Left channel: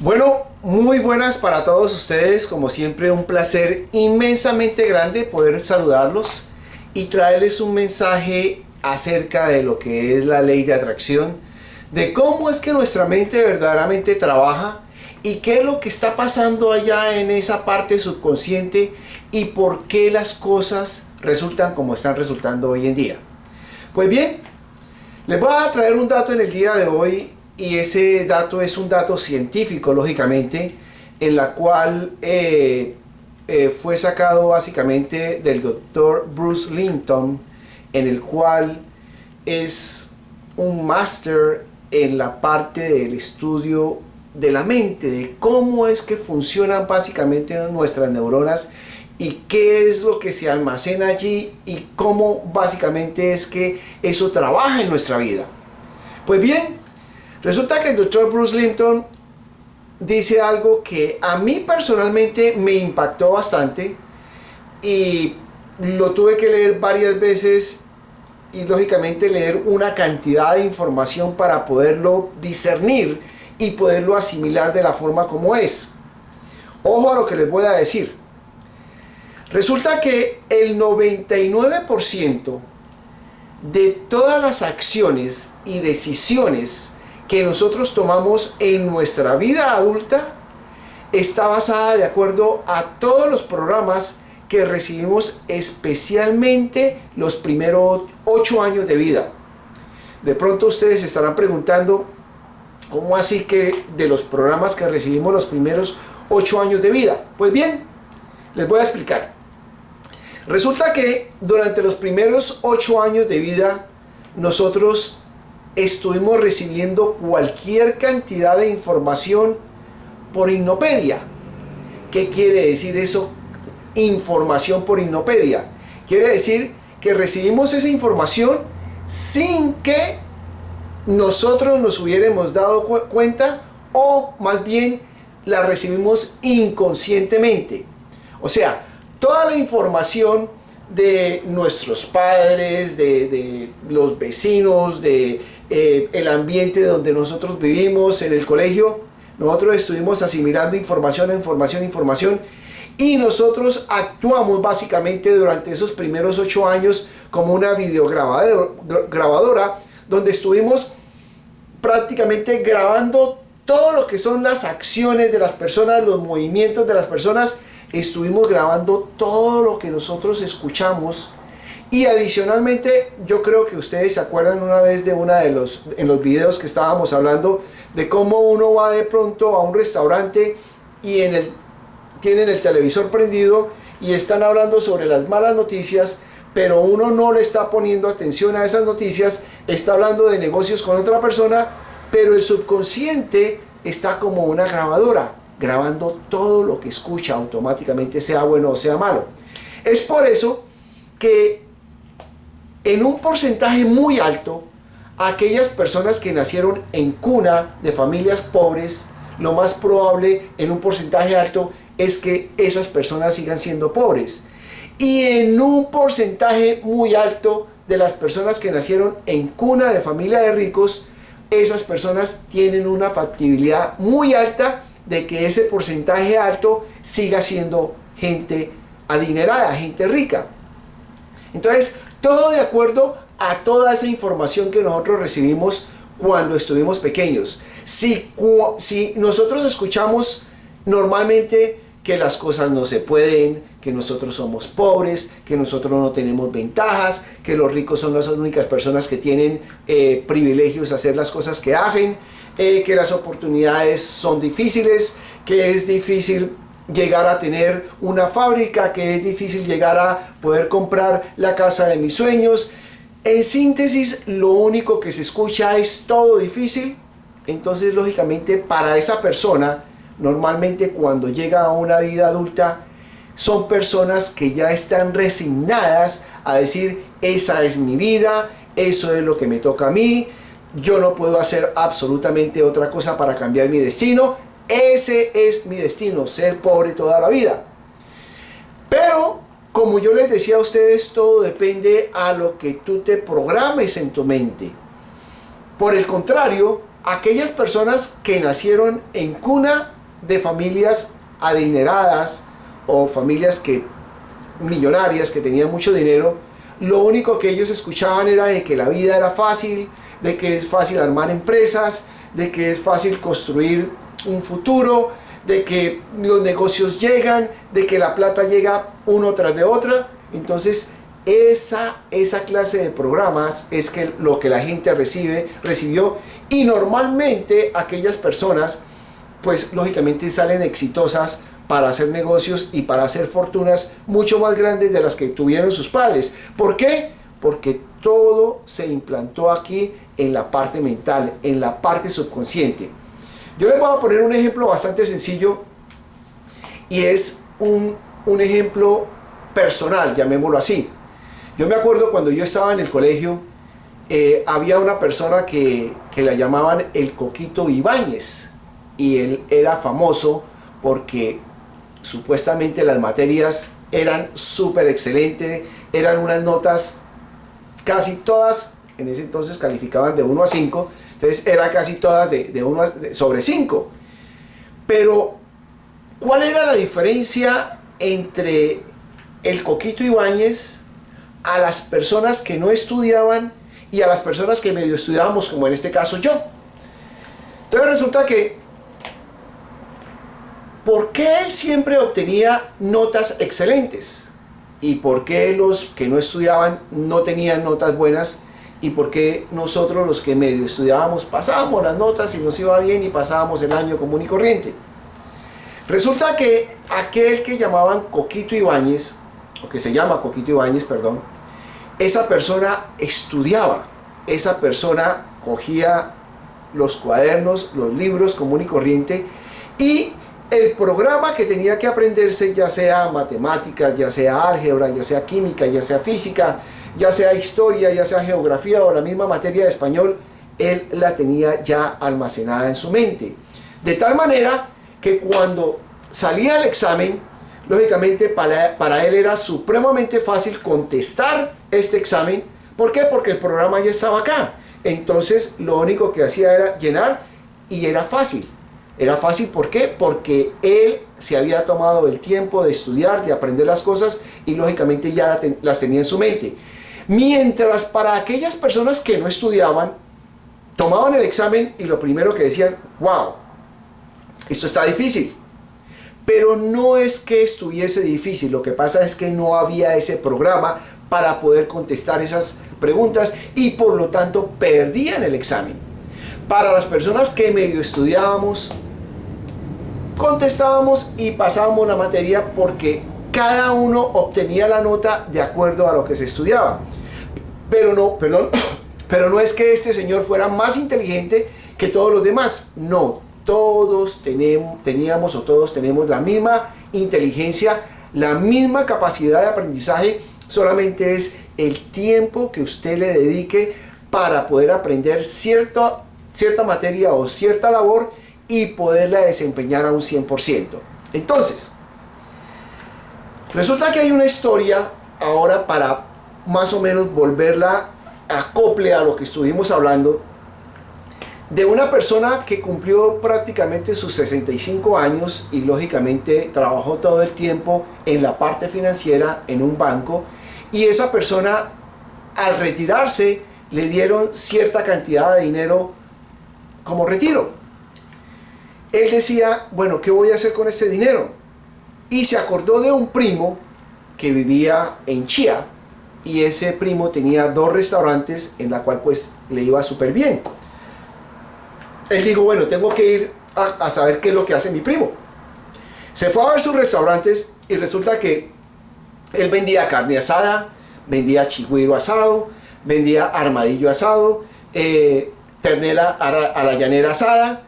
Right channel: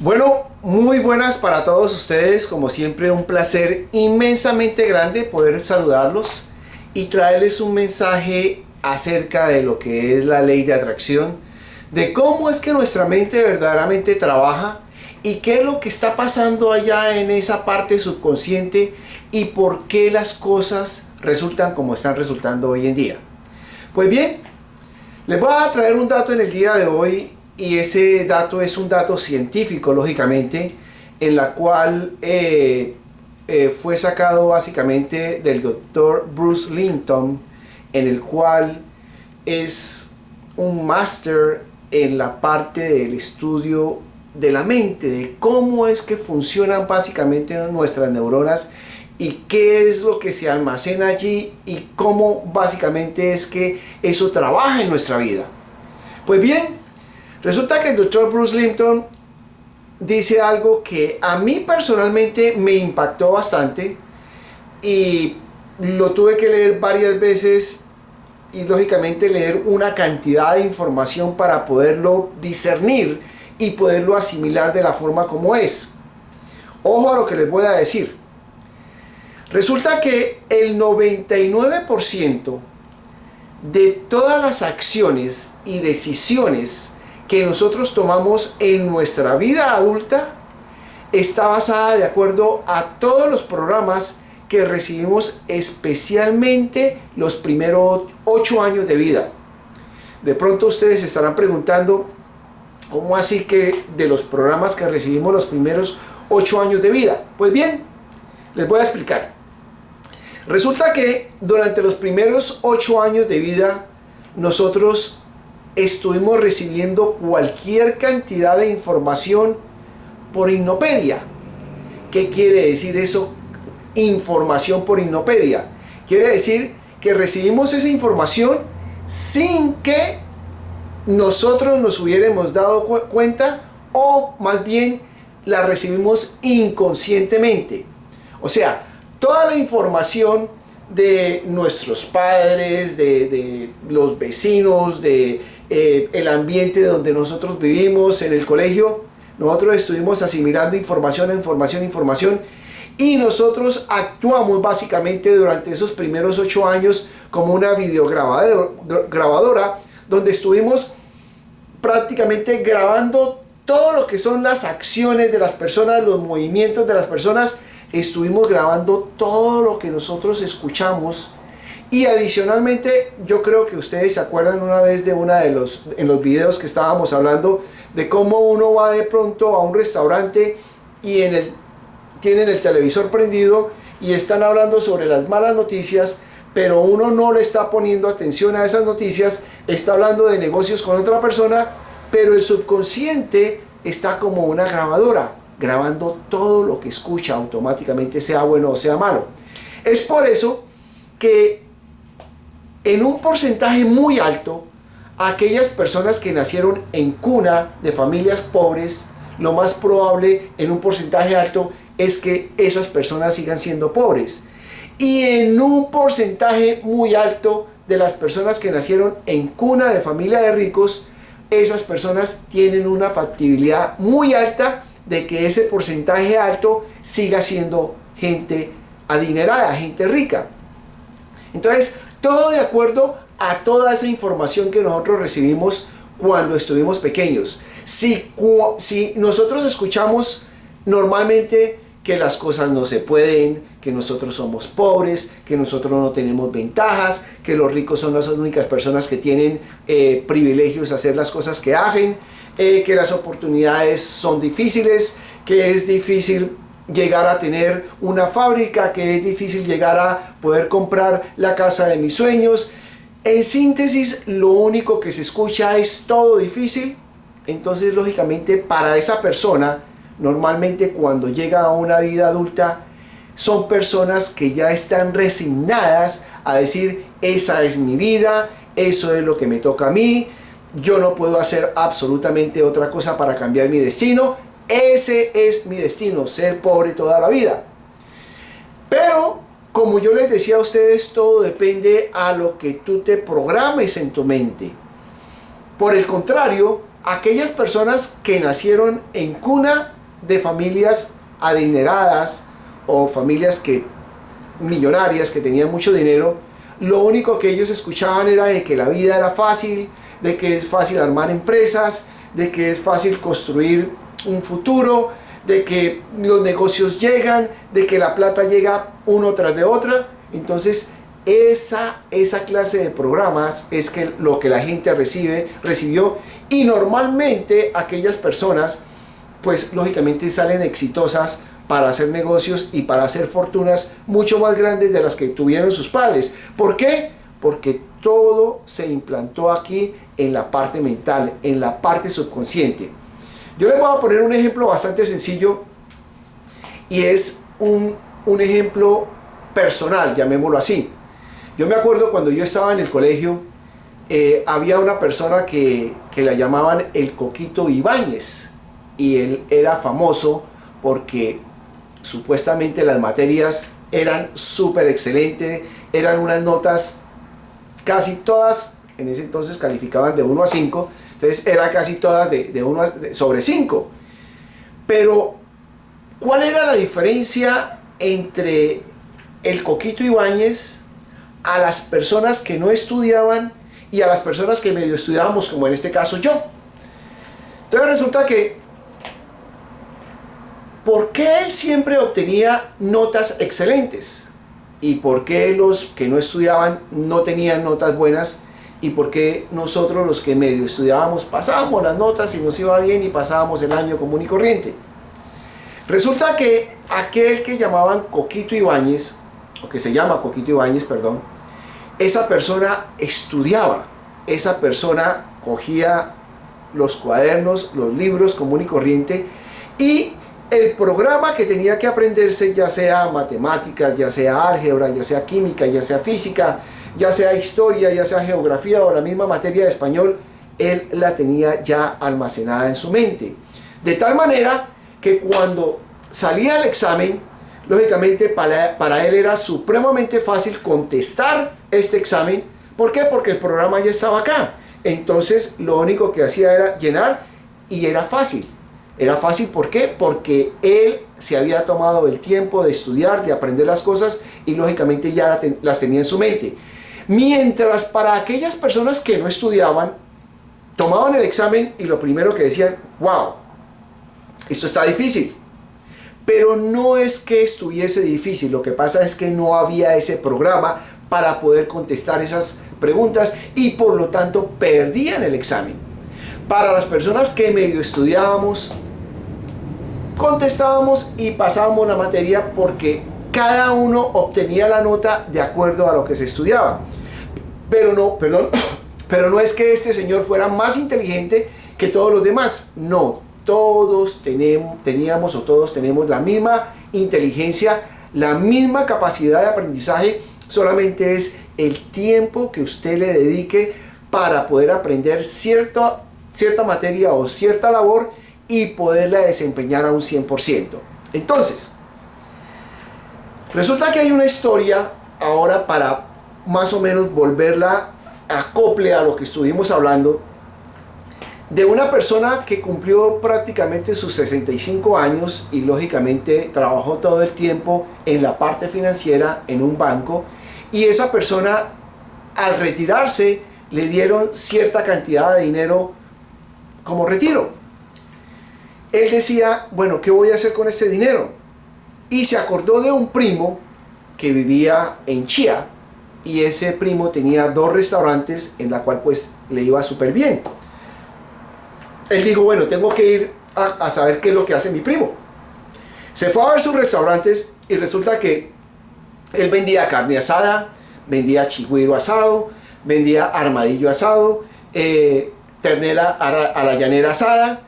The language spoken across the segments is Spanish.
Bueno, muy buenas para todos ustedes, como siempre un placer inmensamente grande poder saludarlos y traerles un mensaje acerca de lo que es la ley de atracción, de cómo es que nuestra mente verdaderamente trabaja y qué es lo que está pasando allá en esa parte subconsciente y por qué las cosas resultan como están resultando hoy en día. Pues bien, les voy a traer un dato en el día de hoy y ese dato es un dato científico, lógicamente, en la cual fue sacado básicamente del doctor Bruce Linton, en el cual es un máster en la parte del estudio de la mente, de cómo es que funcionan básicamente nuestras neuronas y qué es lo que se almacena allí y cómo básicamente es que eso trabaja en nuestra vida. Pues bien, resulta que el doctor Bruce Linton dice algo que a mí personalmente me impactó bastante y lo tuve que leer varias veces y lógicamente leer una cantidad de información para poderlo discernir y poderlo asimilar de la forma como es. Ojo a lo que les voy a decir. Resulta que el 99% de todas las acciones y decisiones que nosotros tomamos en nuestra vida adulta está basada de acuerdo a todos los programas que recibimos, especialmente los primeros 8 años de vida. De pronto ustedes se estarán preguntando, ¿cómo así que de los programas que recibimos los primeros 8 años de vida? Pues bien, les voy a explicar. Resulta que durante los primeros 8 años de vida nosotros estuvimos recibiendo cualquier cantidad de información por hipnopedia. ¿Qué quiere decir eso? Información por hipnopedia. Quiere decir que recibimos esa información sin que nosotros nos hubiéramos dado cuenta, o más bien la recibimos inconscientemente. O sea, toda la información de nuestros padres, de los vecinos, de el ambiente donde nosotros vivimos, en el colegio, nosotros estuvimos asimilando información, y nosotros actuamos básicamente durante esos primeros 8 años como una videograbadora donde estuvimos prácticamente grabando todo lo que son las acciones de las personas, los movimientos de las personas. Estuvimos grabando todo lo que nosotros escuchamos. Y adicionalmente, yo creo que ustedes se acuerdan una vez de en los videos que estábamos hablando de cómo uno va de pronto a un restaurante y tienen el televisor prendido y están hablando sobre las malas noticias, pero uno no le está poniendo atención a esas noticias, está hablando de negocios con otra persona, pero el subconsciente está como una grabadora, grabando todo lo que escucha automáticamente, sea bueno o sea malo. Es por eso que en un porcentaje muy alto, aquellas personas que nacieron en cuna de familias pobres, lo más probable en un porcentaje alto es que esas personas sigan siendo pobres. Y en un porcentaje muy alto de las personas que nacieron en cuna de familia de ricos, esas personas tienen una factibilidad muy alta de que ese porcentaje alto siga siendo gente adinerada, gente rica. Entonces, todo de acuerdo a toda esa información que nosotros recibimos cuando estuvimos pequeños. Si nosotros escuchamos normalmente que las cosas no se pueden, que nosotros somos pobres, que nosotros no tenemos ventajas, que los ricos son las únicas personas que tienen privilegios a hacer las cosas que hacen, que las oportunidades son difíciles, que es difícil llegar a tener una fábrica, que es difícil llegar a poder comprar la casa de mis sueños. En síntesis, lo único que se escucha es todo difícil. Entonces, lógicamente, para esa persona, normalmente cuando llega a una vida adulta, son personas que ya están resignadas a decir, esa es mi vida, eso es lo que me toca a mí, yo no puedo hacer absolutamente otra cosa para cambiar mi destino, ese es mi destino, ser pobre toda la vida. Pero, como yo les decía a ustedes, todo depende a lo que tú te programes en tu mente. Por el contrario, aquellas personas que nacieron en cuna de familias adineradas o familias millonarias que tenían mucho dinero, lo único que ellos escuchaban era de que la vida era fácil, de que es fácil armar empresas, de que es fácil construir un futuro, de que los negocios llegan, de que la plata llega uno tras de otra. Entonces esa clase de programas es lo que la gente recibió, y normalmente aquellas personas pues lógicamente salen exitosas para hacer negocios y para hacer fortunas mucho más grandes de las que tuvieron sus padres. ¿Por qué? Porque todo se implantó aquí en la parte mental, en la parte subconsciente. Yo les voy a poner un ejemplo bastante sencillo, y es un ejemplo personal, llamémoslo así. Yo me acuerdo cuando yo estaba en el colegio, había una persona que la llamaban el Coquito Ibáñez, y él era famoso porque supuestamente las materias eran súper excelentes, eran unas notas, casi todas en ese entonces calificaban de 1 a 5, entonces eran casi todas de 1 sobre 5. Pero ¿cuál era la diferencia entre el Coquito Ibáñez a las personas que no estudiaban y a las personas que medio estudiábamos, como en este caso yo? Entonces resulta que, ¿por qué él siempre obtenía notas excelentes? ¿Y por qué los que no estudiaban no tenían notas buenas? ¿Y por qué nosotros, los que medio estudiábamos, pasábamos las notas y nos iba bien y pasábamos el año común y corriente? Resulta que aquel que llamaban Coquito Ibáñez, o que se llama Coquito Ibáñez, perdón, esa persona estudiaba, esa persona cogía los cuadernos, los libros común y corriente, y el programa que tenía que aprenderse, ya sea matemáticas, ya sea álgebra, ya sea química, ya sea física, ya sea historia, ya sea geografía o la misma materia de español, él la tenía ya almacenada en su mente. De tal manera que cuando salía el examen, lógicamente para él era supremamente fácil contestar este examen. ¿Por qué? Porque el programa ya estaba acá. Entonces lo único que hacía era llenar, y era fácil. Era fácil, ¿por qué? Porque él se había tomado el tiempo de estudiar, de aprender las cosas, y lógicamente ya las tenía en su mente. Mientras para aquellas personas que no estudiaban, tomaban el examen y lo primero que decían: wow, esto está difícil. Pero no es que estuviese difícil, lo que pasa es que no había ese programa para poder contestar esas preguntas, y por lo tanto perdían el examen. Para las personas que medio estudiábamos, contestábamos y pasábamos la materia porque cada uno obtenía la nota de acuerdo a lo que se estudiaba. Pero no es que este señor fuera más inteligente que todos los demás. No, todos teníamos o todos tenemos la misma inteligencia, la misma capacidad de aprendizaje, solamente es el tiempo que usted le dedique para poder aprender cierta materia o cierta labor y poderla desempeñar a un 100%. Entonces, resulta que hay una historia ahora, para más o menos volverla acople a lo que estuvimos hablando, de una persona que cumplió prácticamente sus 65 años y lógicamente trabajó todo el tiempo en la parte financiera en un banco, y esa persona, al retirarse, le dieron cierta cantidad de dinero como retiro. Él decía: bueno, ¿qué voy a hacer con este dinero? Y se acordó de un primo que vivía en Chía, y ese primo tenía 2 restaurantes en la cual pues le iba súper bien. Él dijo: bueno, tengo que ir a saber qué es lo que hace mi primo. Se fue a ver sus restaurantes, y resulta que él vendía carne asada, vendía chigüiro asado, vendía armadillo asado, ternera a la llanera asada,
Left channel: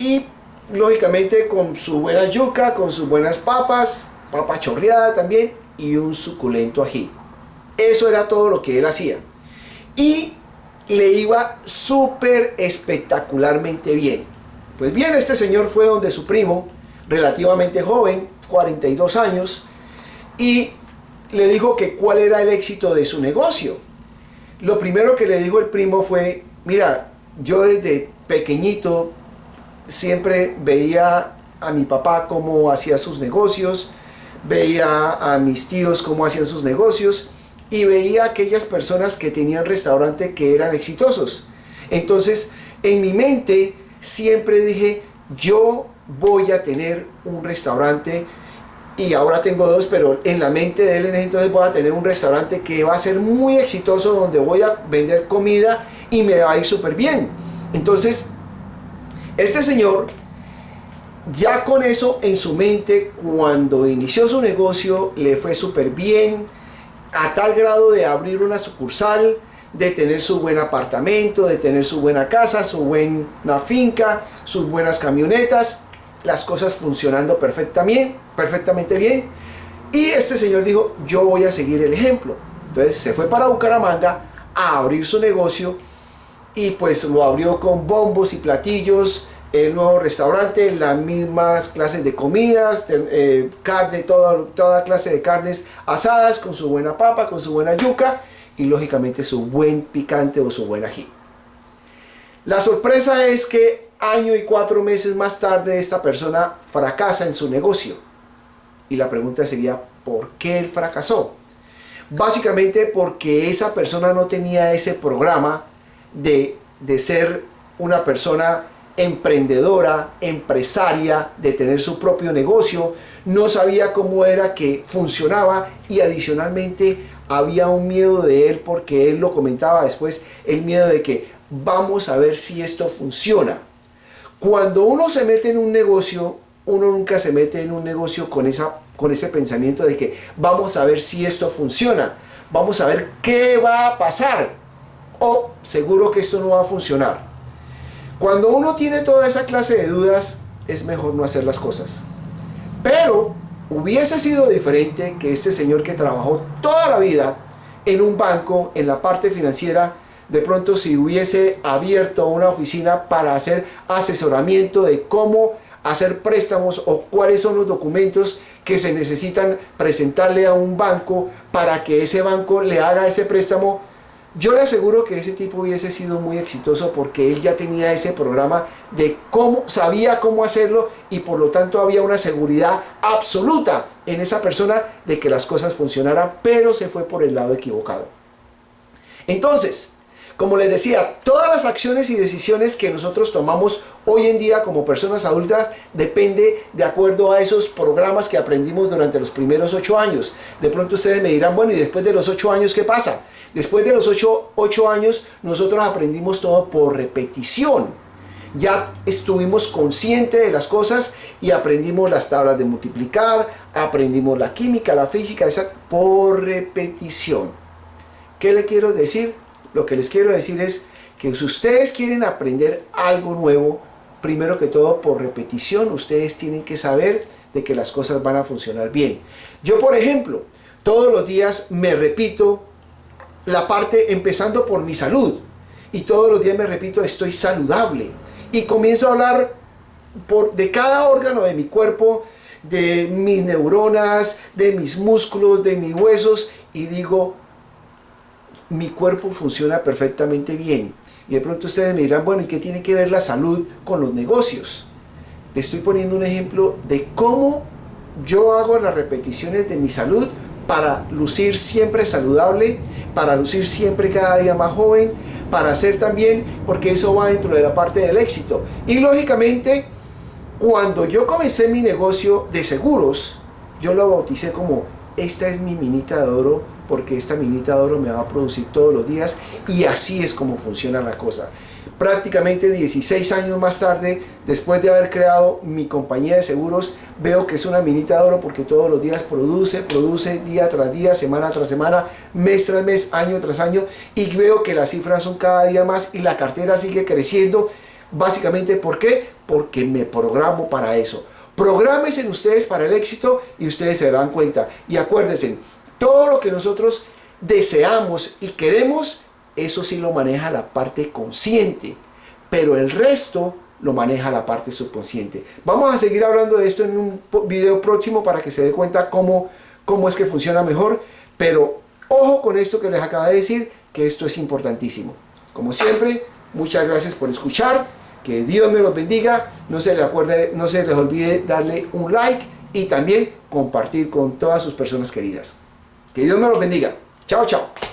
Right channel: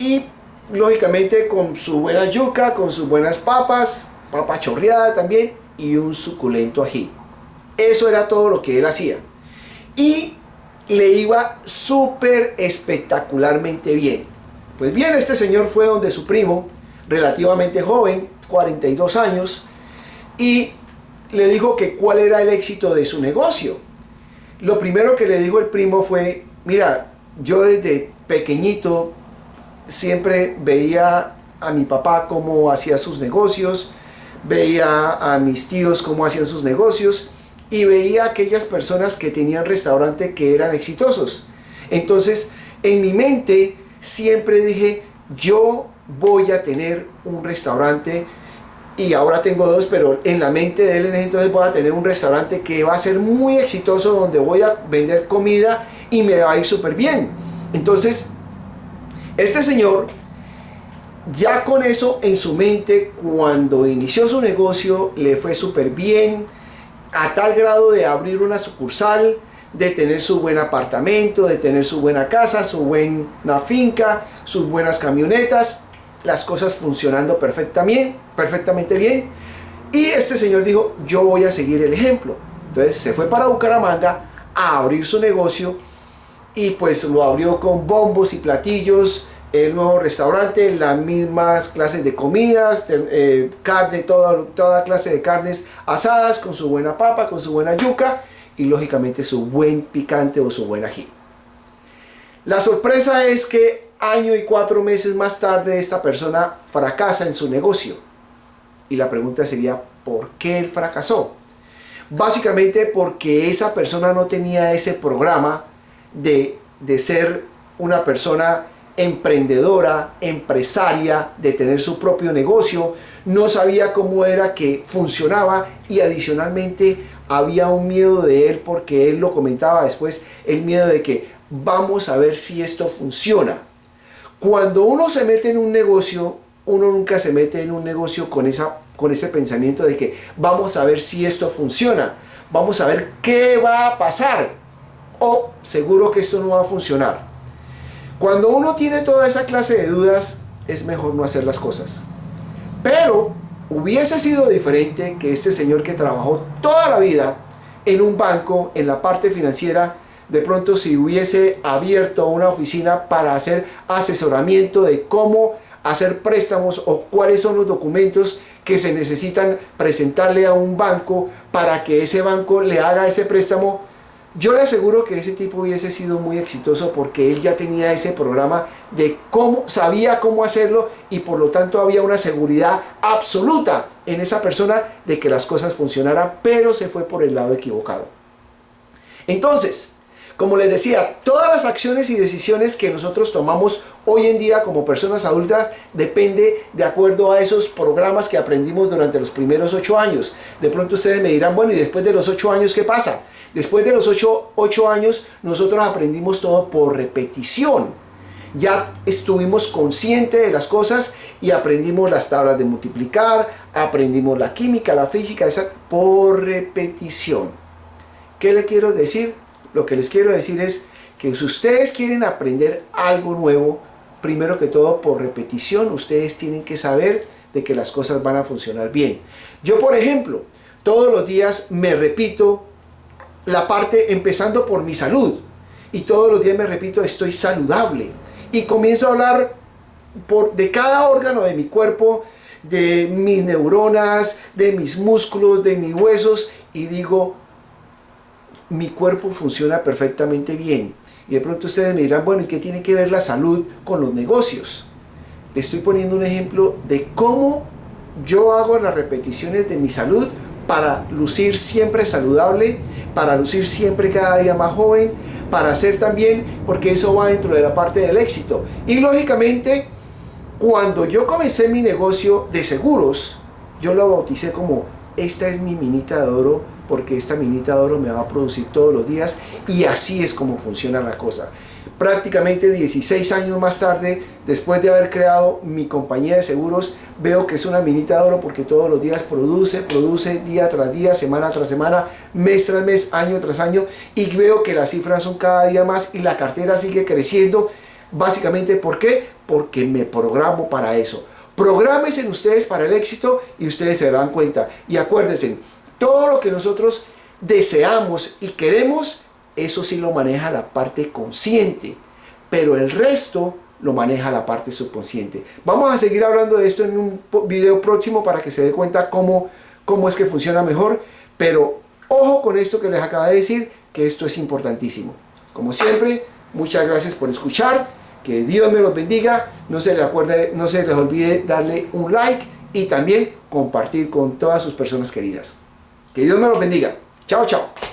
y lógicamente con su buena yuca, con sus buenas papas, papa chorreada también, y un suculento ají. Eso era todo lo que él hacía. Y le iba súper espectacularmente bien. Pues bien, este señor fue donde su primo, relativamente joven, 42 años, y le dijo que cuál era el éxito de su negocio. Lo primero que le dijo el primo fue: mira, yo desde pequeñito, siempre veía a mi papá cómo hacía sus negocios, veía a mis tíos cómo hacían sus negocios y veía a aquellas personas que tenían restaurante que eran exitosos. Entonces, en mi mente siempre dije, yo voy a tener un restaurante, y ahora tengo dos, pero en la mente de él en ese entonces voy a tener un restaurante que va a ser muy exitoso, donde voy a vender comida y me va a ir súper bien. Entonces, este señor, ya con eso en su mente, cuando inició su negocio, le fue súper bien, a tal grado de abrir una sucursal, de tener su buen apartamento, de tener su buena casa, su buena finca, sus buenas camionetas, las cosas funcionando perfectamente bien. Y este señor dijo, yo voy a seguir el ejemplo. Entonces se fue para Bucaramanga a abrir su negocio y pues lo abrió con bombos y platillos, el nuevo restaurante, las mismas clases de comidas, carne, toda clase de carnes asadas, con su buena papa, con su buena yuca y lógicamente su buen picante o su buen ají. La sorpresa es que año y 4 meses más tarde esta persona fracasa en su negocio. Y la pregunta sería, ¿por qué él fracasó? Básicamente porque esa persona no tenía ese programa de ser una persona emprendedora, empresaria, de tener su propio negocio, no sabía cómo era que funcionaba y adicionalmente había un miedo de él, porque él lo comentaba después, el miedo de que vamos a ver si esto funciona. Cuando uno se mete en un negocio, uno nunca se mete en un negocio con ese pensamiento de que vamos a ver si esto funciona, vamos a ver qué va a pasar, o seguro que esto no va a funcionar. Cuando uno tiene toda esa clase de dudas, es mejor no hacer las cosas. Pero hubiese sido diferente que este señor que trabajó toda la vida en un banco, en la parte financiera, de pronto si hubiese abierto una oficina para hacer asesoramiento de cómo hacer préstamos o cuáles son los documentos que se necesitan presentarle a un banco para que ese banco le haga ese préstamo, yo le aseguro que ese tipo hubiese sido muy exitoso, porque él ya tenía ese programa de cómo, sabía cómo hacerlo, y por lo tanto había una seguridad absoluta en esa persona de que las cosas funcionaran, pero se fue por el lado equivocado. Entonces, como les decía, todas las acciones y decisiones que nosotros tomamos hoy en día como personas adultas depende de acuerdo a esos programas que aprendimos durante los primeros 8 años. De pronto ustedes me dirán, bueno, ¿y después de los 8 años qué pasa? Después de los 8 años nosotros aprendimos todo por repetición. Ya estuvimos conscientes de las cosas y aprendimos las tablas de multiplicar, aprendimos la química, la física, por repetición. ¿Qué le quiero decir? Lo que les quiero decir es que si ustedes quieren aprender algo nuevo, primero que todo por repetición, ustedes tienen que saber de que las cosas van a funcionar bien. Yo, por ejemplo, todos los días me repito la parte empezando por mi salud, y todos los días me repito, estoy saludable, y comienzo a hablar de cada órgano de mi cuerpo, de mis neuronas, de mis músculos, de mis huesos, y digo, mi cuerpo funciona perfectamente bien. Y de pronto ustedes me dirán, bueno, ¿y qué tiene que ver la salud con los negocios? Le estoy poniendo un ejemplo de cómo yo hago las repeticiones de mi salud para lucir siempre saludable, para lucir siempre cada día más joven, para hacer también, porque eso va dentro de la parte del éxito. Y lógicamente, cuando yo comencé mi negocio de seguros, yo lo bauticé como, esta es mi minita de oro, porque esta minita de oro me va a producir todos los días, y así es como funciona la cosa. Prácticamente 16 años más tarde, después de haber creado mi compañía de seguros, veo que es una minita de oro, porque todos los días produce día tras día, semana tras semana, mes tras mes, año tras año, y veo que las cifras son cada día más y la cartera sigue creciendo. Básicamente, ¿por qué? Porque me programo para eso. Prográmense ustedes para el éxito y ustedes se dan cuenta. Y acuérdense, todo lo que nosotros deseamos y queremos, eso sí lo maneja la parte consciente, pero el resto lo maneja la parte subconsciente. Vamos a seguir hablando de esto en un video próximo para que se dé cuenta cómo es que funciona mejor, pero ojo con esto que les acabo de decir, que esto es importantísimo. Como siempre, muchas gracias por escuchar. Que Dios me los bendiga. No se les olvide darle un like y también compartir con todas sus personas queridas. Que Dios me los bendiga. Chao, chao.